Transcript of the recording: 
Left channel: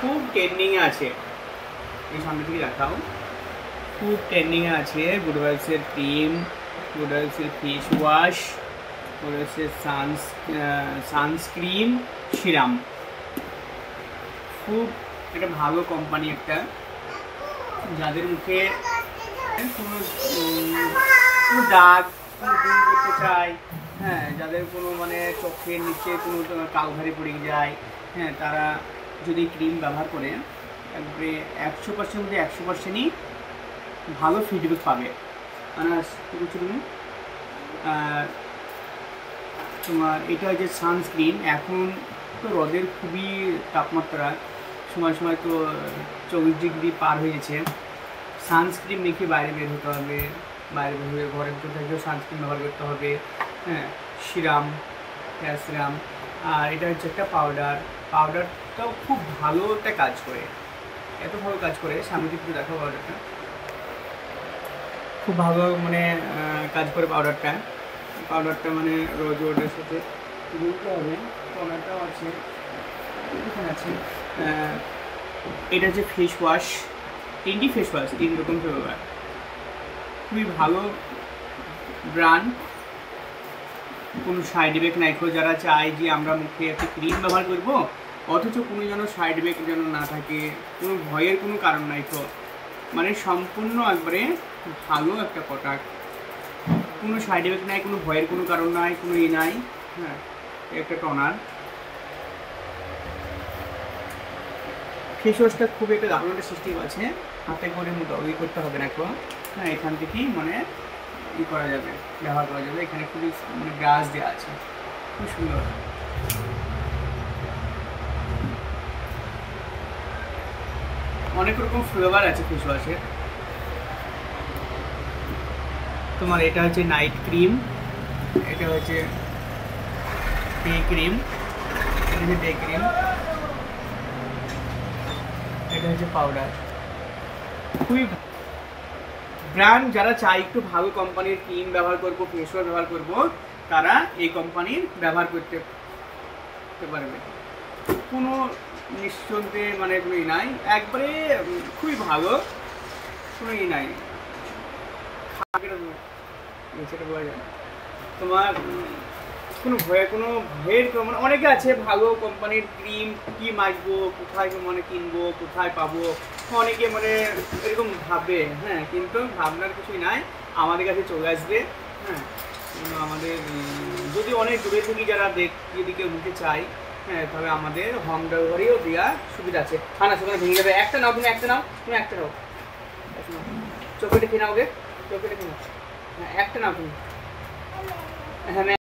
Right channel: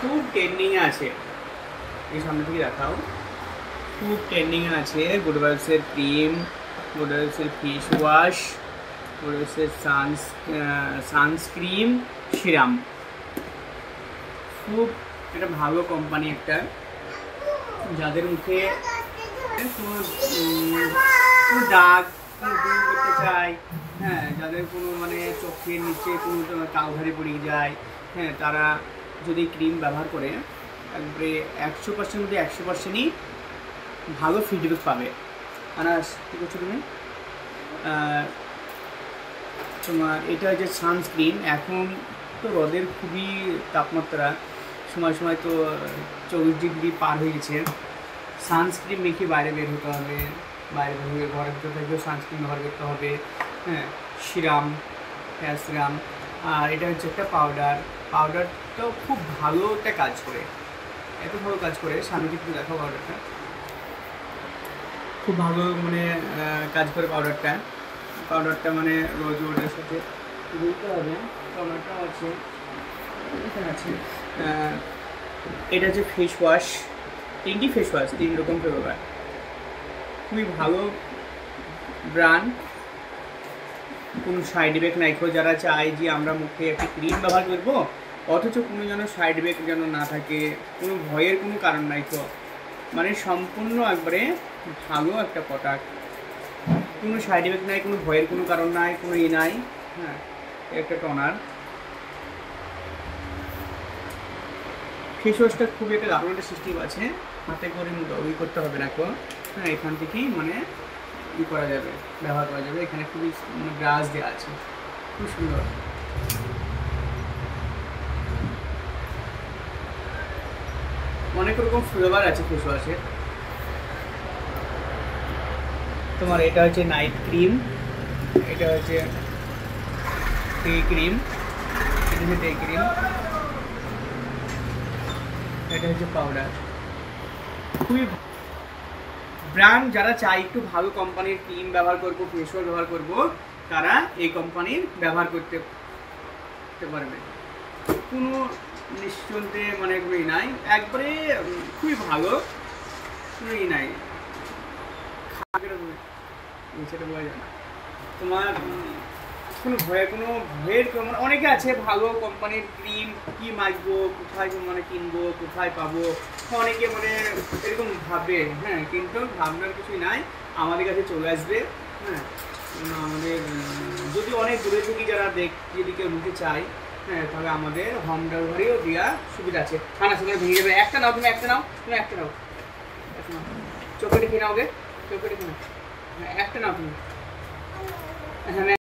খুব ট্রেন্ডিং এ আছে, এই সামনে থেকে দেখাও, খুব ট্রেন্ডিং এ আছে গুড ভাইবসের ক্রিম, গুড ভাইবসের ফেস ওয়াশ, গুড ভাইবসের সানস্ক্রিন সিরাম। খুব একটা ভালো কোম্পানি, একটা যাদের মুখে কোনো দাগ দূর করতে চায়, হ্যাঁ, যাদের কোনো মানে চোখের নিচে কোনো কালঘারি পড়ে যায়, হ্যাঁ, তারা যদি ক্রিম ব্যবহার করে একবারে 100%-এর মধ্যে 100%ই ভালো ফিডব্যাক পাবে। আনাস কী করছো তুমি? তোমার এটা হচ্ছে সানস্ক্রিন। এখন তো রোদের খুবই তাপমাত্রা, সময় সময় তো 40 ডিগ্রি পার হয়ে গেছে। সানস্ক্রিন মেখে বাইরে বের হতে হবে, বাইরে বের হয়ে ঘরের ভিতর থেকেও সানস্ক্রিন ব্যবহার করতে হবে, হ্যাঁ, সিরাম, হেয়ার সিরাম। আর এটা হচ্ছে একটা পাউডারটাও খুব ভালো একটা কাজ করে, এত ভালো কাজ করে, সামনে একটু দেখো পাউডারটা, খুব ভালো মানে কাজ করে পাউডারটা মানে রোজ ওয়াটারের সাথে গুলতে হবে। পাউডারটাও আছে, এখানে আছে। এটা হচ্ছে ফেস ওয়াশ, 3টি ফেস ওয়াশ, 3 রকম ফ্লেভার, খুবই ভালো ব্র্যান্ড, কোনো সাইড ইফেক্ট নাই। যারা চায় যে আমরা মুখে একটা ক্রিম ব্যবহার করব অথচ কোনো যেন সাইড ইফেক্ট যেন না থাকে, কোনো ভয়ের কোনো কারণ নাই, তো মানে সম্পূর্ণ একবারে ভালো একটা প্রোডাক্ট, কোনো সাইড ইফেক্ট নাই, কোনো ভয়ের কোনো কারণ নাই, কোনো নাই। হ্যাঁ, একটা টনার ফেস ওয়াশটা খুব একটা দারুণ একটা সিস্টেম আছে, হাতে করে ই করতে হবে না এখন, হ্যাঁ, এখান থেকেই মানে ই করা যাবে, ব্যবহার করা যাবে। এখানে খুবই মানে ব্রাশ দেওয়া আছে, খুব সুন্দর। অনেক রকম ফ্লেভার আছে ফেস ওয়াশের। তোমার এটা হচ্ছে নাইট ক্রিম, এটা হচ্ছে ডে ক্রিম, এটা হচ্ছে ডে ক্রিম, এটা হচ্ছে পাউডার। খুবই ব্র্যান্ড, যারা চাই একটু ভালো কোম্পানির ক্রিম ব্যবহার করবো, ফেস ওয়াশ ব্যবহার করবো, তারা এই কোম্পানির ব্যবহার করতে পারবে, কোনো নিশ্চিন্তে মানে কোনো ই নাই, একবারে খুবই ভালো, কোনো ই নাই, সেটা বোঝা যায় না। তোমার কোনো ভয়ের মানে অনেকে আছে ভালো কোম্পানির ক্রিম কি মাখবো, কোথায় মানে কিনবো, কোথায় পাবো, অনেকে মানে এরকম ভাবে, হ্যাঁ, কিন্তু ভাবনার কিছুই নাই, আমাদের কাছে চলে আসবে। হ্যাঁ, আমাদের যদি অনেক দূরে থেকে যারা এদিকে উঠতে চাই, হ্যাঁ, তাহলে আমাদের হোম ডেলিভারিও দেওয়া সুবিধা আছে। খানা সেখানে ভেঙে যাবে, একটা নাও, তুমি একটা নাও, চোখেটে খেয়ে নাও গে, চোখেটে খেয়ে নাও, হ্যাঁ, একটা নাও তুমি, হ্যাঁ।